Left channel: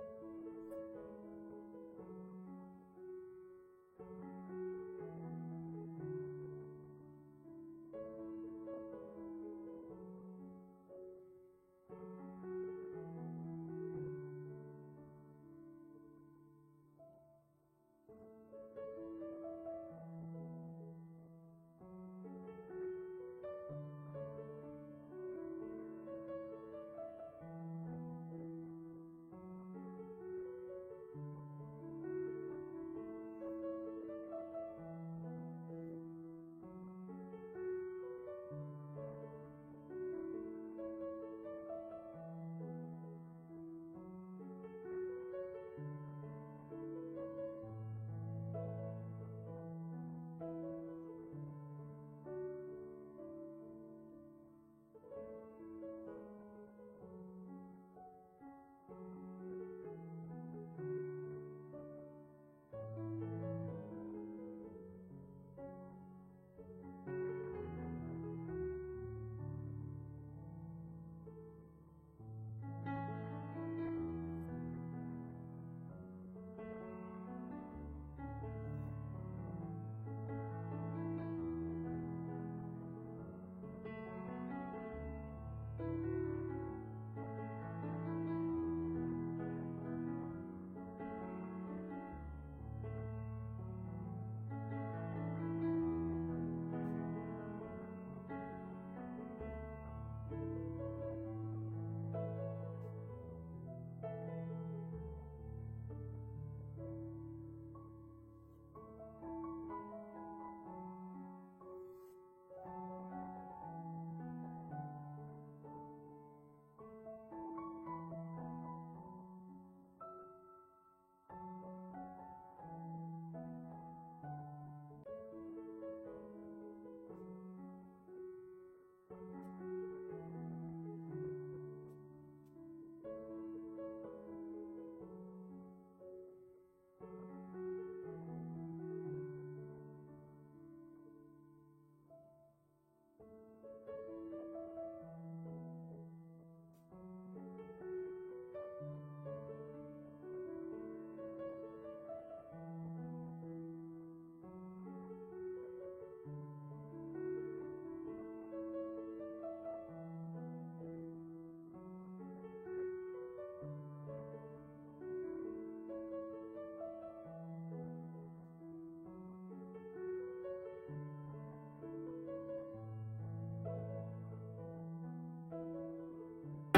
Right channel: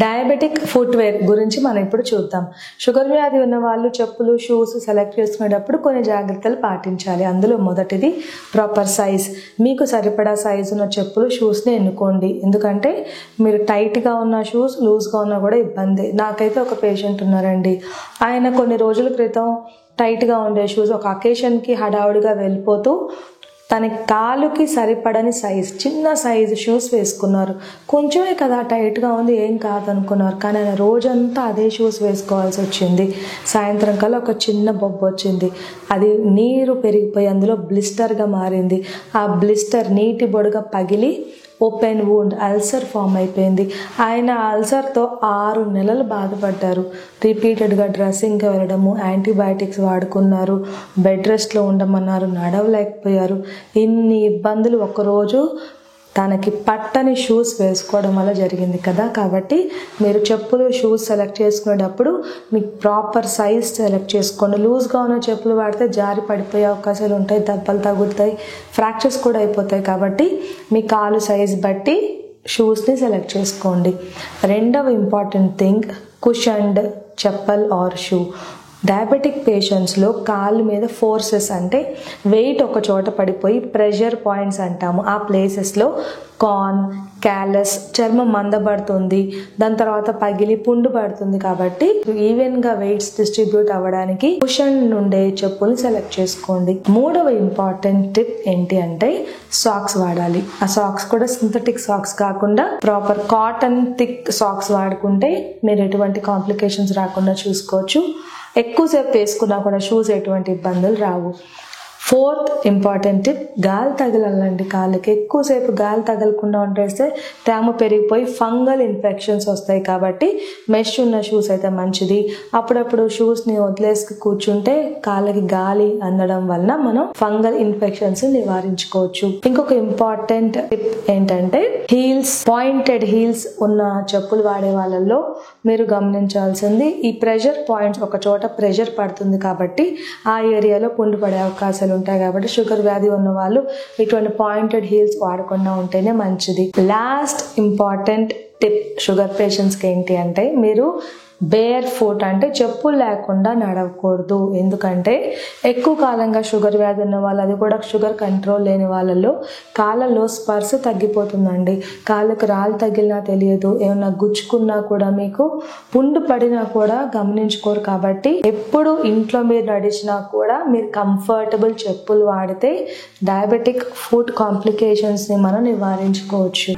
Diabetic footwear గురించి మనం ఇప్పుడు చూద్దాం. షుగర్ వ్యాధి ఉన్న వాళ్ళు చెప్పులు, షూస్ సెలెక్ట్ చేసుకునేటప్పుడు కొన్ని జాగ్రత్తలు పాటించాలి. అందులో మొదటిది ప్రాపర్ సైజ్. మీకు సరిపడా సైజు ఉన్న చెప్పులు, షూస్ని ఎన్నుకోండి. ఎందుకంటే మీరు టైట్గా ఉన్న షూస్ లూజ్గా ఉన్నా కూడా ఇబ్బంది. నాకైతే ఒక పేషెంట్ ఉన్నారండి, ఆయన కొన్ని రోజుల క్రితం టైట్గా ఉండే షూస్ ఒక అకేషన్కి హడావుడిగా వెళ్ళిపోతూ తన కాలుకి సరిపడని సైజ్, చిన్న సైజు షూస్ వేసుకున్నారు. కొంచెమే కదా టైట్గా ఉంది, ఏం కాదనుకున్నారు. కానీ ఆయన రోజంతా అదే షూస్ వేసుకోవాల్సి వచ్చింది. సాయంత్రం కల్లా ఒక చిన్న బొబ్బు వచ్చింది. అది నీరు పెరిగిపోయి అందులో బ్లిస్టర్గా మారింది. ఆ బ్లిస్టర్ నీటి బొడుగా పగిలి ఓపెన్ వూండ్, అల్సర్ ఫామ్ అయిపోయింది. ఆయన అల్సర్తో 6 నెలలు బాధపడ్డారు. రిపీటెడ్గా డ్రెస్సింగ్కి వెళ్ళడము, యాంటీబయాటిక్స్ వాడుకున్నారు, బెడ్ రెస్ట్లో ఉండమన్నారు, నడవలేకపోయారు. ఇన్ని ఇబ్బందులు ఒకరోజు తనకి పట్టని షూస్ వేసుకోవడం వల్ల జరిగింది కదా. కాబట్టి మీరు చెప్పులు, షూస్ సెలెక్ట్ చేసుకునేటప్పుడు మీకు ప్రాపర్ సైజ్ సెలెక్ట్ చేసుకోండి. లూజ్గా ఉన్న చెప్పులు వాడితే జారి పడిపోయే అవకాశాలు ఉంటాయి, దెబ్బలు తగులుతాయి, ఫ్రాక్చర్స్ కూడా అయిపోతాయి. కాబట్టి మీ కాలు సైజ్ బట్టి షూస్ని సెలెక్ట్ చేసుకోండి. రెండవ important thing, cushioned chappal or shoe. Diabetic పేషెంట్స్లో కాళ్ళ మీద ఫోర్సెస్ అంటే వెయిట్ ఒక చోట పడిపోయి ప్రెషర్ పాయింట్స్ అంటాము. ఆ ప్లేసెస్లో కార్న్, క్యాలస్, చర్మం మందబడుతుంది, దాని తర్వాత పగిలి పుండు పడుతుంది. కాబట్టి ఈవెన్గా వెయిట్స్ డిస్ట్రిబ్యూట్ అవ్వడానికి కుషన్ నుండే చెప్పులు సెలెక్ట్ చేసుకోండి. మూడవ ఇంపార్టెంట్ టిప్ ఏంటి అంటే సాక్స్ వాడాలి. ఆ సాక్స్ కూడా సింథటిక్ సాక్స్ కాకుండా ప్రాపర్ కాటన్ థిక్ సాక్స్ వాడుకుంటే మీరు ఎటువంటి కాంప్లికేషన్స్ రాకుండా చూసుకోవచ్చు. ఎక్కువసేపు వేసుకున్నా కూడా షూస్ ఎటువంటి ఇబ్బందులు రావు. ఫోర్త్ ఇంపార్టెంట్ టిప్, గాలి తగలాలండి కాళ్ళకి. ఎక్కువసేపు గాలి తగలకుండా ఉండేస్తే తేమ పెరిగిపోయి ఫంగల్ ఇన్ఫెక్షన్స్ వస్తాయి. కాబట్టి మెష్ ఉన్న షూస్ అయితే మంచిది. అప్పుడప్పుడు షూస్ని వదిలేసి కూర్చుంటే కాళ్ళకి గాలి అందడం వలన మనం ఫంగల్ ఇన్ఫెక్షన్స్ నివారించుకోవచ్చు. ఇంకొక ఇంపార్టెంట్ టిప్ ఏంటంటే హీల్స్, పాయింటెడ్ హీల్స్ ఉన్న చెప్పులు వాడే వాళ్ళల్లో మీరు గమనించాల్సింది, ఈ ప్రెషర్ పాయింట్స్ ఒక చోట ప్రెషర్ పడుతుంది కాబట్టి ఆ ఏరియాలో పుండు పడే అవకాశాలు ఉంటాయి. కాబట్టి షుగర్ వ్యాధి ఉన్న వాళ్ళు ఇటువంటి పాయింటెడ్ హీల్స్ వాడకుండా ఉంటేనే మంచిది. లాస్ట్ ఇంపార్టెంట్ టిప్ షుగర్ పేషెంట్స్కి ఏంటి అంటే మీరు బేర్ ఫుట్ అంటే చెప్పులు లేకుండా నడవకూడదు. ఎందుకంటే ఎక్కువ కాలంగా షుగర్ వ్యాధి ఉన్న వాళ్ళు, అది కూడా షుగర్ కంట్రోల్ లేని వాళ్ళలో కాళ్ళలో స్పర్శ తగ్గిపోతుందండి. కాళ్ళకు రాళ్ళు తగిలినా తెలియదు, ఏమన్నా గుచ్చుకున్నా కూడా మీకు పుండు పడినా కూడా గమనించుకోరు. కాబట్టి ఎప్పుడు ఇంట్లో మీరు నడిచినా కూడా మీరు కంఫర్టబుల్ చెప్పులు వాడితే డయాబెటిక్ ఫుట్ కాంప్లికేషన్స్ని మనం నివారించుకోవచ్చు.